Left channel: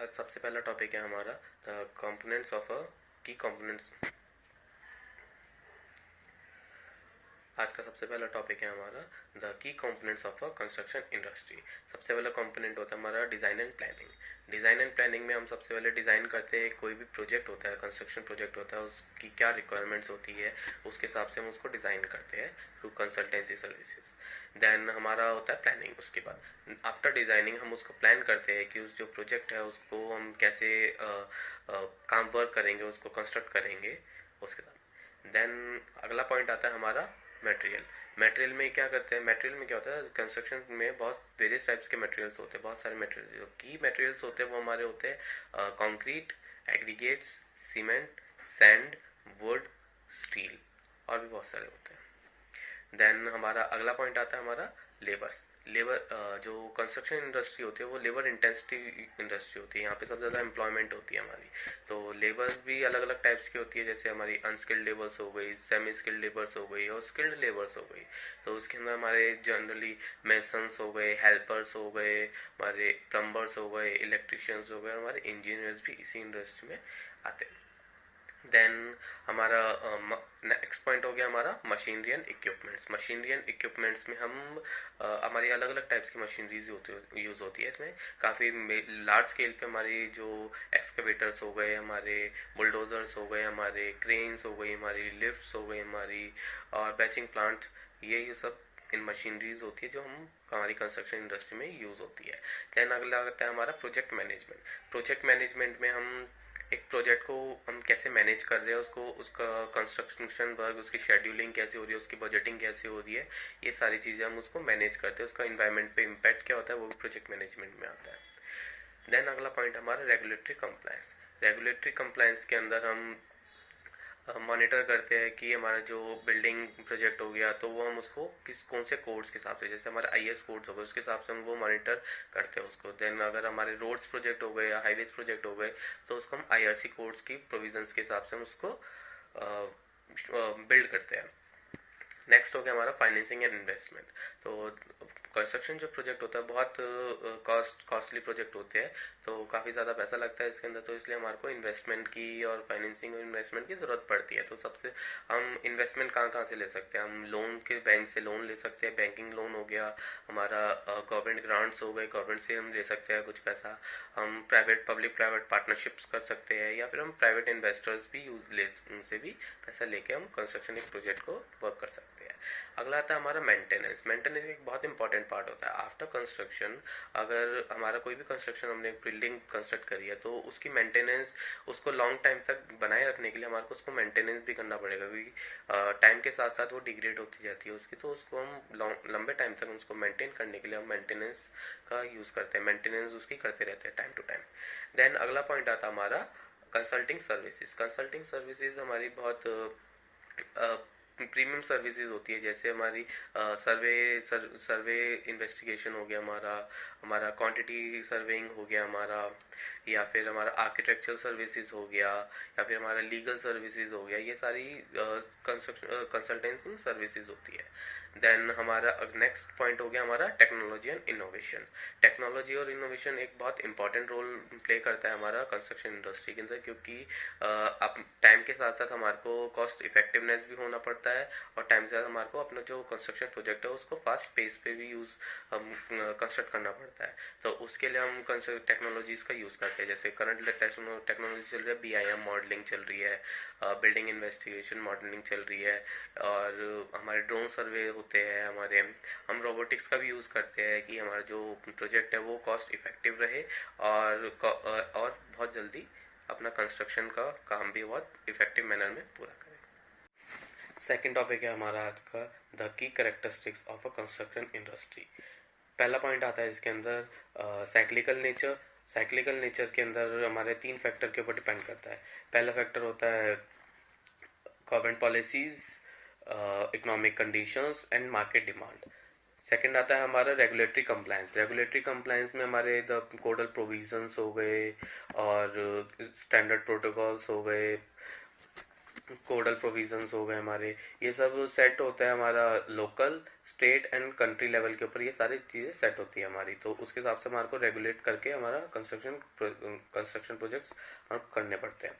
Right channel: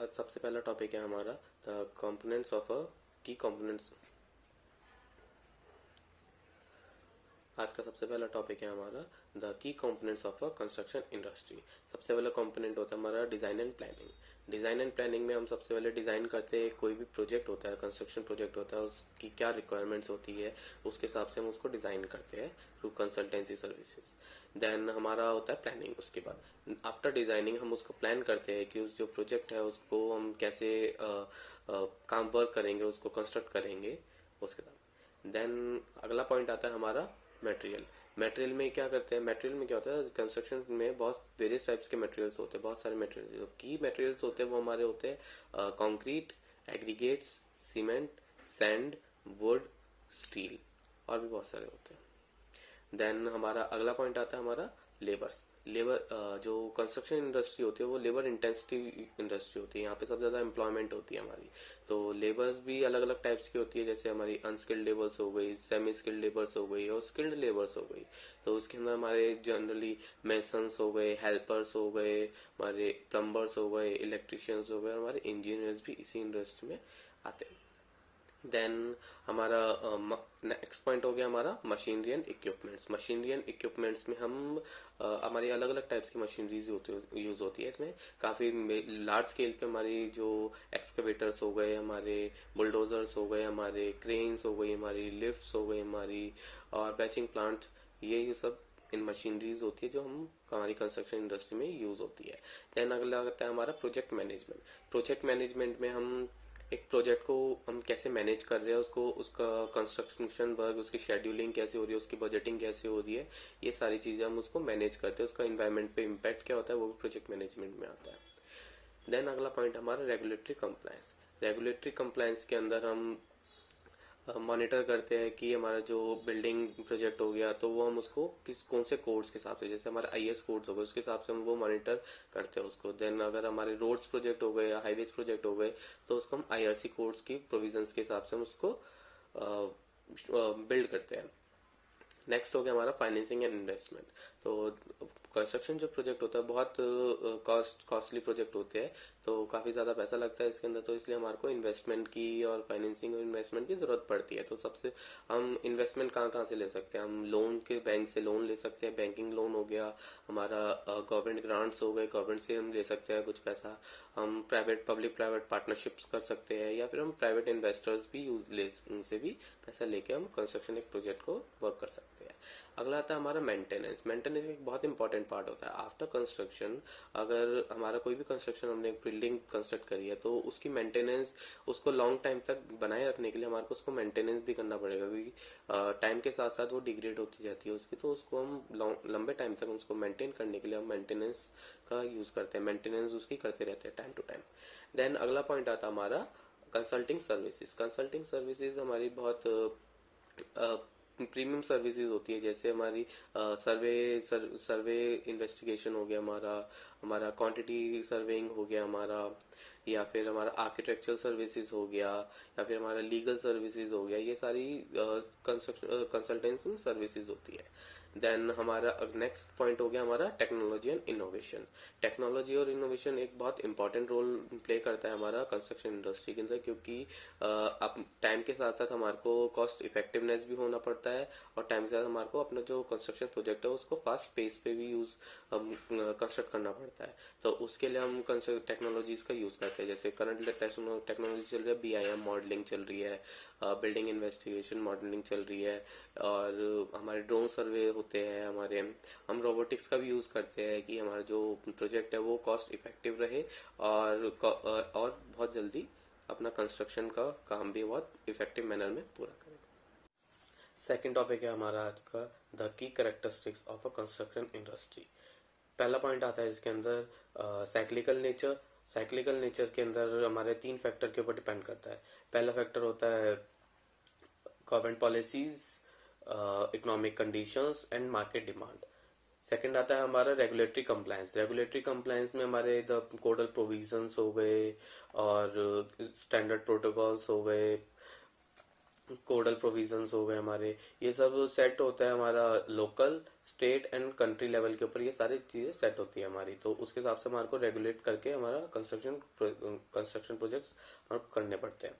आज सबसे पहला टॉपिक है हमारा द कंपोनेंट्स ऑफ अ की कंपोनेंट्स। आज का सबसे पहला टॉपिक है हमारा the key components of a construction industry. सबसे पहला कंपोनेंट होता है हमारा design and planning. Design and planning में हम सबसे पहले डिजाइन करते हैं। कोई भी प्रोजेक्ट होता है, कंस्ट्रक्शन प्रोजेक्ट होता है, उसकी क्या रिक्वायरमेंट्स होती है उसके हिसाब से हम उसको डिजाइन करते हैं थ्रू कंसल्टेंसी सर्विसेज। देन हमारा होता है प्लानिंग। उसके बाद आफ्टर डिजाइनिंग हम उसको प्लान करते हैं कि उस जो प्रोजेक्ट है उसको हम कैसे काम वर्क करेंगे, उसको कंस्ट्रक्ट करेंगे उसके साथ। देन अगला पॉइंट आता है हमारा मटेरियल। मटेरियल में क्या करते हैं, मटेरियल में क्या होता है, कंस्ट्रक्शन में बहुत वेरियस टाइप्स के मटेरियल्स होते हैं। बहुत सारे मटेरियल जो की मटेरियल्स होते हैं वो हमारे होते हैं concrete, aggregates, cement, sand, would, steel और भी बहुत सारे होते हैं। देन हमारा अगला पॉइंट आता है हमारा लेबर। जो कंस्ट्रक्शन इंडस्ट्री होती है वो लेबर इंटेंसिटी इंडस्ट्री होती है। यहाँ पे सबसे ज़्यादा एम्प्लॉयमेंट होती है हमारी। तो लेबर्स भी अलग अलग टाइप्स की होती है, जैसे हमारी अनस्किल्ड लेबर्स हो गई, सेमी स्किल्ड लेबर्स हो गई और स्किल्ड लेबर्स हो गई। तो उसके अंदर हमारे जनरली मेसन्स हो गए, हेल्पर्स हो गए, हमारे प्लम्बर्स हो गए, इलेक्ट्रिशियंस हो गए, हमारे इंजीनियर्स भी इसी इंडस्ट्री में आते हैं। देन हमारा नेक्स्ट पॉइंट हो गया हमारा machinery and equipments. Machinery and equipments में हम हमारी अलग अलग टाइप्स की मशीनरीज यूज होती है। इसमें काफ़ी लार्ज स्केल पे हमारी जो एक्सकेवेटर्स हो गए, हमारे बुलडोजर्स हो गए, हमारे क्रेन्स हो गई, हमारी लिफ्ट्स हो गई, हमारी और बैचिंग प्लांट, ये सब इन मशीनरीज होती है जो हम हमारी कंस्ट्रक्शन इंडस्ट्री में यूज होती है। देन अगला आता है हमारा प्रोजेक्ट मैनेजमेंट। प्रोजेक्ट मैनेजमेंट में हम एक प्रोजेक्ट को हम कैसे मैनेज कर रहे हैं, उसको उसका कंस्ट्रक्शन वर्क, उसकी शेड्यूलिंग कैसे हो रही है, उसकी बजटिंग कैसे हो रही है, ये सारी चीजें हम उसको मैनेज करते हैं। उसका इन्वायरमेंट पे इम्पैक्ट क्या होता है वो भी प्रोजेक्ट मैनेजमेंट में आता है। देन अगला पॉइंट हमारा रेगुलेटरी कंप्लायंस। रेगुलेटरी कंप्लायंस के अंदर हम मॉनिटर करते हैं कि हमारा जो बिल्डिंग प्रोजेक्ट हो गया तो वो हम उसको कौन से कोड्स के हिसाब से, जैसे हमारा आईएस कोड्स हो गए उसके हिसाब से हम वो मॉनिटर करते हैं उसको। देन अगर हमारे रोड्स प्रोजेक्ट हो गए या हाईवेज प्रोजेक्ट हो गए तो उसको हम आईआरसी कोड्स की प्रोविजंस के हिसाब से हम उसको बिल्ड करते हैं। नेक्स्ट हो गया हमारा फाइनेंसिंग एंड इन्वेस्टमेंट। तो कंस्ट्रक्शन जो प्रोजेक्ट होता है बहुत कॉस्टली प्रोजेक्ट होते हैं, तो काफ़ी ज़्यादा पैसा लगता है इसके अंदर, तो इसलिए हमारे को इन्वेस्टमेंट की और फाइनेंसिंग और इन्वेस्टमेंट की ज़रूरत पड़ती है। तो सबसे हम इन्वेस्टमेंट कहाँ कहाँ से ले सकते हैं, हम लोन के बैंक से लोन ले सकते हैं, बैंकिंग लोन हो गया हमारा, गवर्नमेंट ग्रांट्स हो गए, गवर्नमेंट से हम ले सकते हैं कुछ पैसा, हम प्राइवेट पब्लिक प्राइवेट पार्टनरशिप्स कर सकते हैं, या फिर हम प्राइवेट इन्वेस्टर्स भी उनसे भी पैसा लेके हम कंस्ट्रक्शन एक प्रोजेक्ट को वर्क कर सकते हैं। अगला आता है हमारा मेंटेनेंस। मेंटेनेंस एक बहुत इंपॉर्टेंट पार्ट होता है आफ्टर कंस्ट्रक्शन। अगर हमारा कोई भी कंस्ट्रक्शन, हमने बिल्डिंग कंस्ट्रक्ट करी है तो उसकी मेंटेनेंस, उसको लॉन्ग टाइम तक बनाए रखने के लिए हमारे को उसको मेंटेनेंस भी करना पड़ेगा, क्योंकि टाइम के साथ साथ वो डिग्रेड होती जाती है उसकी। तो उसको हम लंबे टाइम तक उसको मेंटेन करने के लिए हम मेंटेनेंस का यूज करते हैं, मेंटेनेंस उसकी करते रहते हैं टाइम टू टाइम। देन अगला पॉइंट आता है हमारा कंसल्टिंग सर्विसेज। कंसल्टिंग सर्विसेज हमारी बहुत प्रीमियम सर्विसेज होती है, जैसे हमारी सर्वे इन्वेस्टिगेशन हो गया हमारा, हमारा क्वांटिटी सर्वेइंग हो गया हमारा, या फिर हमारा आर्किटेक्चरल सर्विसेज हो गया, या फिर हमारा लीगल सर्विसेज हो गया। ये सारी कंस्ट्रक्शन कंसल्टेंसी सर्विसेज होती है। देन हमारा नेक्स्ट पॉइंट हो गया हमारा टेक्नोलॉजी एंड इनोवेशन। टेक्नोलॉजी और इनोवेशन एक बहुत इंपॉर्टेंट रोल प्ले करता है हमारा कंस्ट्रक्शन इंडस्ट्री के अंदर, क्योंकि अब टाइम के साथ साथ हमारे को कॉस्ट इफेक्टिवनेस भी होना पड़ता है, और टाइम के साथ हमारे को अपना जो कंस्ट्रक्शन प्रोजेक्ट है उसको फास्ट पेस पे भी हम कंस्ट्रक्ट करना पड़ता है। तो उसके लिए हम टेक्नोलॉजीज का यूज करते हैं, जैसे करंट टेक्नोलॉजी चल रही है, बीआईएम मॉडलिंग चल रही है, बिल्डिंग इन्वेस्टिगेशन मॉडलिंग चल रही है, और हमारे ड्रोन सर्वे होते हैं हमारे। हम रोबोटिक्स का भी यूज करते हैं कि हमारा जो प्रोजेक्ट है वो कॉस्ट इफेक्टिव रहे, और बहुत जल्दी अपना कंस्ट्रक्शन का काम भी बहुत इफेक्टिव मैनर में पूरा करें। सेकेंड टॉपिक है हमारा आज का the key characteristics of a construction industry. पहला पॉइंट आता है इसके अंदर साइक्लिकल नेचर। साइक्लिकल नेचर के अंदर हमारे 3 फैक्टर के ऊपर डिपेंड करता है। पहला फैक्टर होता है government policies, economic conditions and market demand. Second आता है हमारा रेगुलेटरी कंप्लायंस। रेगुलेटरी कंप्लायंस में हमारे द कोडल प्रोविजंस हो गए और स्टैंडर्ड प्रोटोकॉल्स हो गए, कोडल प्रोविजंस हो गए हमारे, ये सब सेट होता है हमारा local, state and country level के ऊपर, ये सारी चीज़ें सेट होती है हमारी। तो उसके हिसाब से हमारे को रेगुलेट करके हमारा कंस्ट्रक्शन प्रोजेक्ट्स हमें करने पड़ते हैं।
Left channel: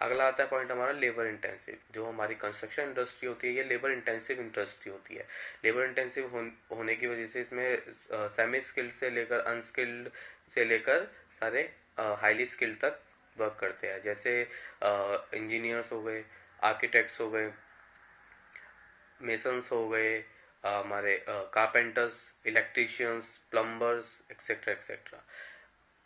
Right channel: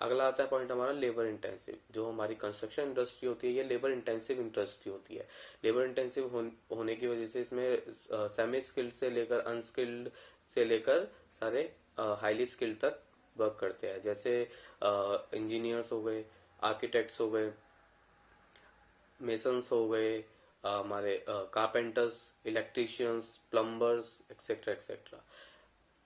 अगला आता है पॉइंट हमारा लेबर इंटेंसिव। जो हमारी कंस्ट्रक्शन इंडस्ट्री होती है ये लेबर इंटेंसिव इंडस्ट्री होती है। लेबर इंटेंसिव होने की वजह से इसमें सेमी स्किल्ड से लेकर अनस्किल्ड से लेकर सारे हाईली स्किल्ड तक वर्क करते हैं। जैसे इंजीनियर्स हो गए, आर्किटेक्ट्स हो गए, मेसन्स हो गए, हमारे carpenters, electricians, plumbers, etcetera etcetera.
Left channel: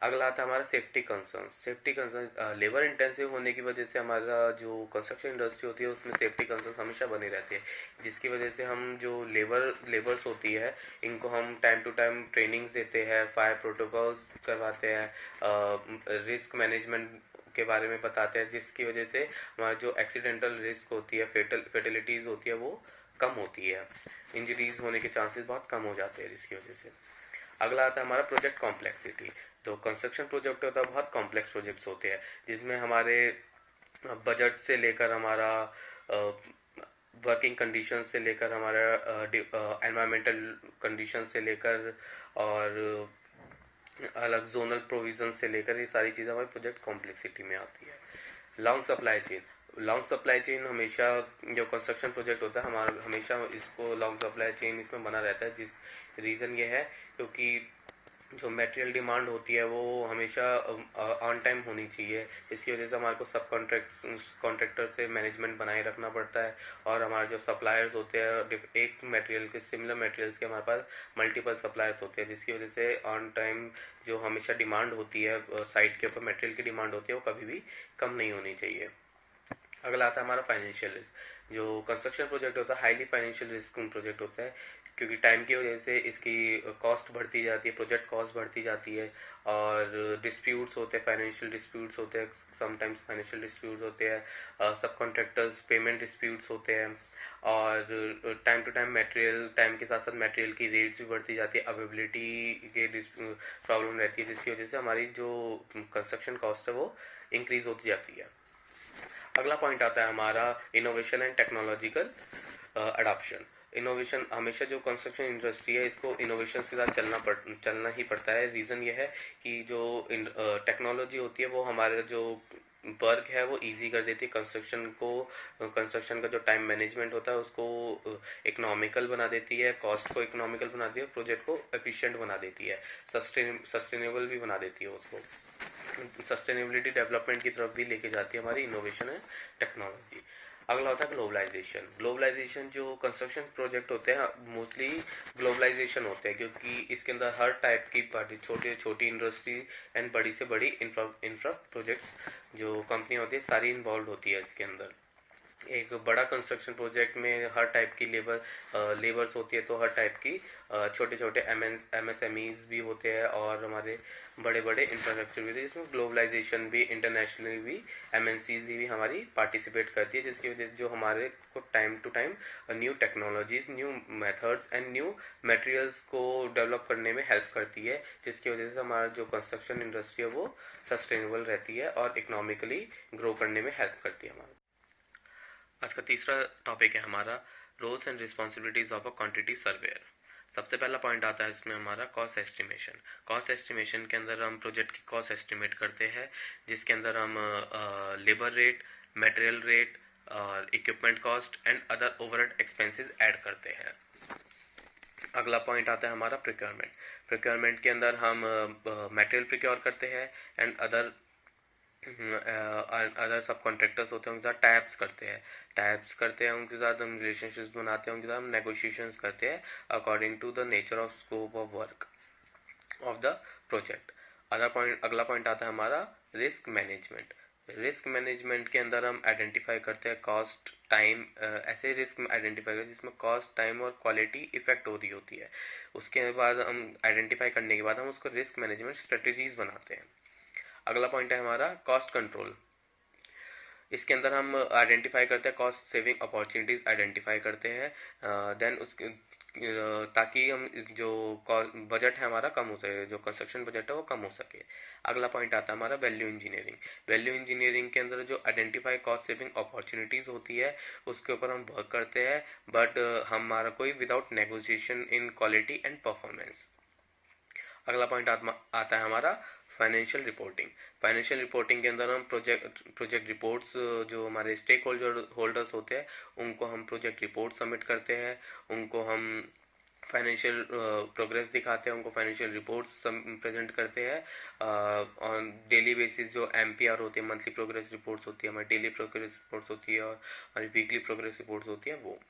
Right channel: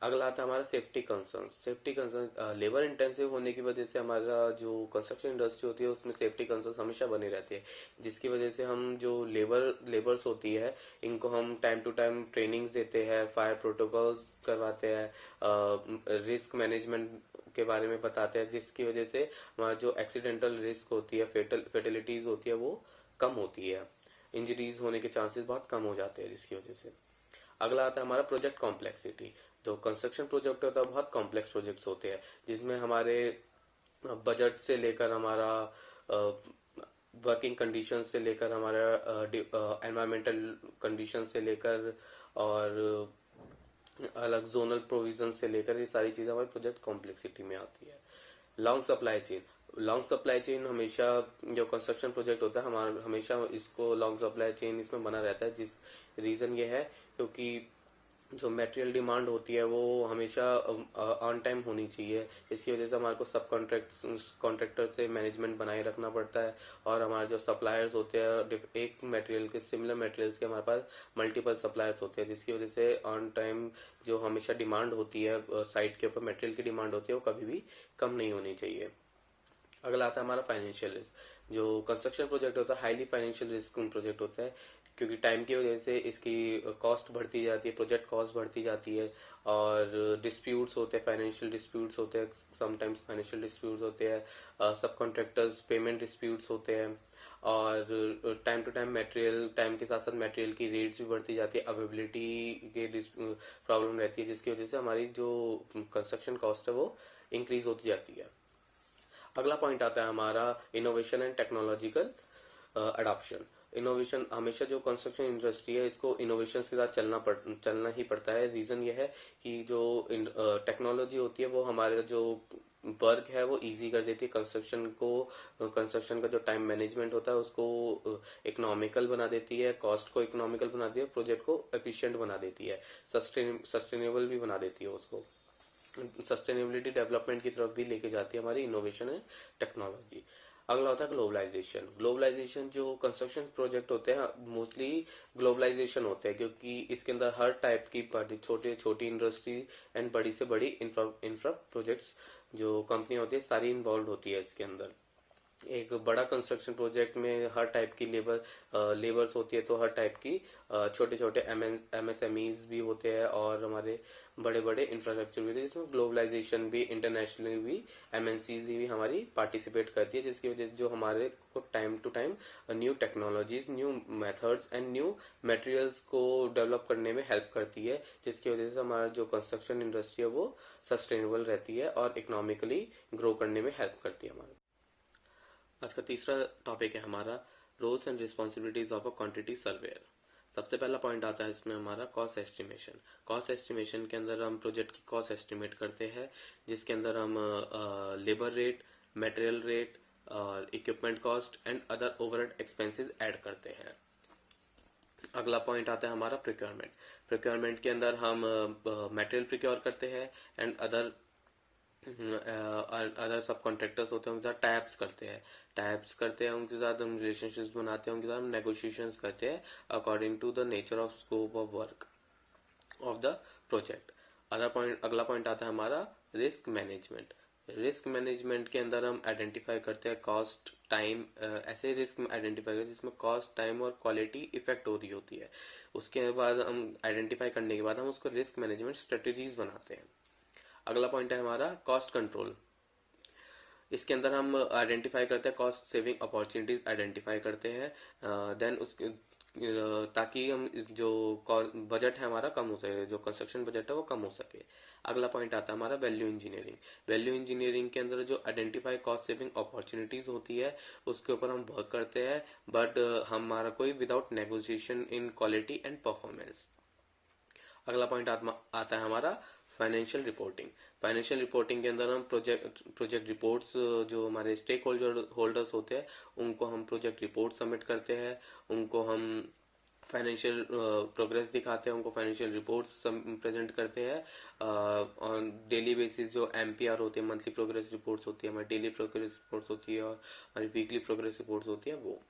अगला आता है हमारा safety concern. Safety concern labour intensive होने की वजह से हमारा जो कंस्ट्रक्शन इंडस्ट्री होती है उसमें सेफ्टी कंसर्न हमेशा बनी रहती है, जिसकी वजह से हम जो लेबर्स होती है इनको हम टाइम टू टाइम ट्रेनिंग्स देते हैं, फायर प्रोटोकॉल्स करवाते हैं, रिस्क मैनेजमेंट के बारे में बताते हैं, जिसकी वजह से हमारा जो एक्सीडेंटल रिस्क होती है, फेटलिटीज होती है वो कम होती है, इंजरीज होने के चांसेस बहुत कम हो जाते हैं जिसकी वजह से। अगला आता है हमारा प्रोजेक्ट कॉम्प्लेक्सिटी। तो कंस्ट्रक्शन प्रोजेक्ट होता है बहुत कॉम्प्लेक्स प्रोजेक्ट्स होते हैं, जिसमें हमारे बजट से लेकर हमारा वर्किंग कंडीशन से लेकर हमारा एनवायरमेंटल कंडीशन से लेकर और अलग जोनल प्रोविजन से लेकर ये सारी चीज़ें हमारे प्रोजेक्ट कॉम्प्लेक्सिटी में आती है। Long supply chain. Long supply chain हमेशा जो कंस्ट्रक्शन प्रोजेक्ट होता है हमारा हमेशा इसको लॉन्ग सप्लाई चेन इसमें बना रहता है। जिस रीज़न ये है क्योंकि जो मटेरियल डिमांड होती है वो हमेशा ऑन टाइम होनी चाहिए, इसकी वजह से हमारे को सब कॉन्ट्रैक्टर से मैनेजमेंट बनाए रखना पड़ता है। और हमारे जो सप्लायर्स होते हैं एक मटेरियल के सिमिलर मटेरियल्स के हमारे पास मल्टीपल सप्लायर्स होते हैं, जिसकी वजह से ऑन टाइम जो हमेशा डिमांड होती है साइट के ऊपर मटेरियल की डिमांड होती है वो कभी भी कम नहीं होनी चाहिए। अगला आता है हमारा फाइनेंशियल रिस्क। जो कंस्ट्रक्शन प्रोजेक्ट होता है हाईली फाइनेंशियल रिस्क प्रोजेक्ट होता है, क्योंकि टाइम की वजह से इसकी कॉस्ट बढ़ती जाती है, प्रोजेक्ट कॉस्ट बढ़ती जाती है। और डिस्प्यूट्स होते हैं, फाइनेंशियल डिस्प्यूट्स होते हैं, समटाइम्स फाइनेंशियल डिस्प्यूट्स होते हैं, सब कॉन्ट्रैक्टर्स पेमेंट डिस्प्यूट्स होते हैं। और time to time material, time के साथ साथ मटेरियल की रेट्स भी बढ़ती जाती है, अवेलेबिलिटी के प्रॉब्लम रहती है, जिसकी वजह से हमारी जो कंस्ट्रक्शन कॉस्ट है वो इंक्रीज होती जाती है। अगला पॉइंट आता है हमारा innovation and technological adoption. Innovation हमेशा जो कंस्ट्रक्शन इंडस्ट्री है इसको इनोवेशन के साथ चलना ही पड़ता है। रीज़न ये है कि जो टेक्नोलॉजी होती है वो हमारा जो वर्क है वो इजी कर देती है कंस्ट्रक्शन को। कंस्ट्रक्शन का जो टाइम मैनेजमेंट होता है उसको इकोनॉमिकल बना देती है, कॉस्ट को इकोनॉमिकल बना देती है, प्रोजेक्ट को एफिशिएंट बना देती है, सस्टेनेबल भी बना देती है, उसको सस्टेनेबिलिटी डेवलपमेंट की तरफ भी लेके जाती है हमारी इनोवेशन एंड टेक्नोलॉजी। अगला होता है ग्लोबलाइजेशन। ग्लोबलाइजेशन जो कंस्ट्रक्शन प्रोजेक्ट होते हैं मोस्टली ग्लोबलाइजेशन होते हैं, क्योंकि इसके अंदर हर टाइप की बड़ी छोटी इंडस्ट्री एंड बड़ी से बड़ी इंफ्रा प्रोजेक्ट्स जो कंपनी होती है सारी इन्वॉल्व होती है इसके अंदर। एक बड़ा कंस्ट्रक्शन प्रोजेक्ट में हर टाइप की लेबर्स होती है, तो हर टाइप की छोटे छोटे एमएसएमईज भी होते हैं और हमारे बड़े बड़े इंफ्रास्ट्रक्चर भी होते हैं, जिसमें ग्लोबलाइजेशन भी इंटरनेशनली भी एमएनसीज भी हमारी पार्टिसिपेट करती है, जिसकी वजह से जो हमारे को time to time new technologies, new methods and new materials को डेवलप करने में हेल्प करती है, जिसकी वजह से हमारा जो कंस्ट्रक्शन इंडस्ट्री है वो सस्टेनेबल रहती है और इकोनॉमिकली ग्रो करने में हेल्प करती है हमारा। आज का तीसरा टॉपिक है हमारा roles and responsibilities of a quantity surveyor. सबसे पहला पॉइंट आता है इसमें हमारा कॉस्ट एस्टिमेशन। कॉस्ट एस्टिमेशन के अंदर हम प्रोजेक्ट की कॉस्ट एस्टिमेट करते हैं, जिसके अंदर हम लेबर रेट, मटेरियल रेट और equipment cost and other overhead expenses add करते हैं। अगला पॉइंट आता है हमारा प्रोक्योरमेंट। प्रोक्योरमेंट के अंदर हम मटेरियल प्रोक्योर करते हैं एंड अदर सब कॉन्ट्रैक्टर्स होते हैं उनके साथ टाइप्स करते हैं उनके साथ हम रिलेशनशिप्स बनाते हैं, उनके साथ हम नेगोशिएशंस करते हैं according to the nature of scope of work of the project. अगला पॉइंट आता है हमारा रिस्क मैनेजमेंट। रिस्क मैनेजमेंट के अंदर हम आइडेंटिफाई करते हैं कॉस्ट, टाइम, ऐसे रिस्क आइडेंटिफाई करते हैं जिसमें कॉस्ट, टाइम और क्वालिटी इफेक्ट हो रही होती है। उसके बाद हम आइडेंटिफाई करने के बाद हम उसको रिस्क मैनेजमेंट स्ट्रेटेजीज बनाते हैं। अगला पॉइंट है हमारा कॉस्ट कंट्रोल। इसके अंदर हम आइडेंटिफाई करते हैं कॉस्ट सेविंग अपॉर्चुनिटीज आइडेंटिफाई करते हैं। देन उसके ताकि हम जो बजट है हमारा कम हो सके, जो कंस्ट्रक्शन बजट है वो कम हो सके। अगला पॉइंट आता है हमारा वैल्यू इंजीनियरिंग। वैल्यू इंजीनियरिंग के अंदर जो आइडेंटिफाई कॉस्ट सेविंग अपॉर्चुनिटीज होती है उसके ऊपर हम वर्क करते हैं, बट हमारा कोई without negotiation in quality and performance. अगला पॉइंट आता है हमारा फाइनेंशियल रिपोर्टिंग। फाइनेंशियल रिपोर्टिंग के अंदर हम प्रोजेक्ट रिपोर्ट्स, जो हमारे स्टेक होल्डर्स होते हैं उनको हम प्रोजेक्ट रिपोर्ट सबमिट करते हैं, उनको हम फाइनेंशियल प्रोग्रेस दिखाते हैं, उनको फाइनेंशियल रिपोर्ट्स प्रेजेंट करते हैं ऑन डेली बेसिस। जो एमपीआर होती है, मंथली प्रोग्रेस रिपोर्ट्स होती है, हमारी डेली प्रोग्रेस रिपोर्ट्स होती है और हमारी वीकली प्रोग्रेस रिपोर्ट्स होती है वो।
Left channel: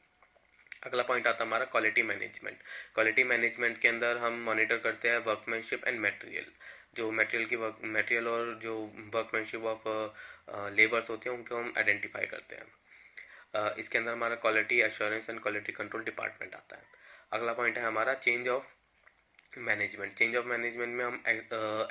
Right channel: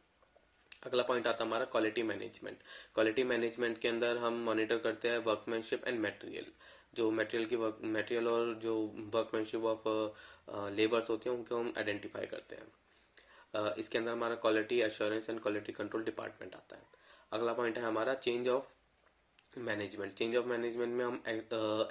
अगला पॉइंट आता है हमारा क्वालिटी मैनेजमेंट। क्वालिटी मैनेजमेंट के अंदर हम मॉनिटर करते हैं वर्कमैनशिप एंड मटेरियल। जो मटेरियल और जो वर्कमैनशिप ऑफ लेबर्स होते हैं उनको हम आइडेंटिफाई करते हैं। इसके अंदर हमारा quality assurance and quality control department आता है। अगला पॉइंट है हमारा change of management. Change of management में हम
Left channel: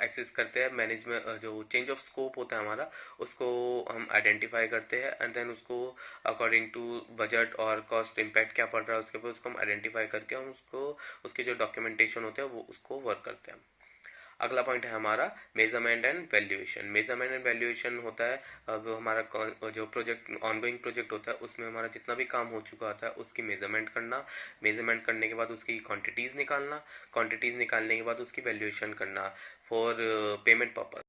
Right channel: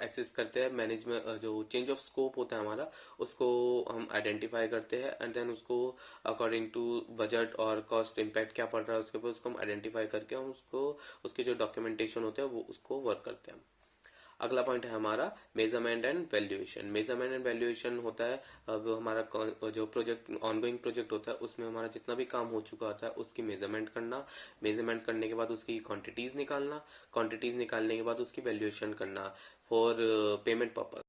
एक्सेस करते हैं मैनेजमेंट, जो चेंज ऑफ स्कोप होता है हमारा उसको हम आइडेंटिफाई करते हैं एंड देन उसको अकॉर्डिंग टू बजट और कॉस्ट इम्पैक्ट क्या पड़ रहा है उसके ऊपर उसको हम आइडेंटिफाई करके हम उसको उसके जो डॉक्यूमेंटेशन होते हैं वो उसको वर्क करते हैं। अगला पॉइंट है हमारा measurement and valuation. Measurement and valuation होता है अब हमारा जो प्रोजेक्ट ऑनगोइंग प्रोजेक्ट होता है उसमें हमारा जितना भी काम हो चुका होता है उसकी मेजरमेंट करना, मेजरमेंट करने के बाद उसकी क्वांटिटीज निकालना, क्वांटिटीज निकालने के बाद उसकी वैल्यूएशन करना फॉर पेमेंट पर्पज।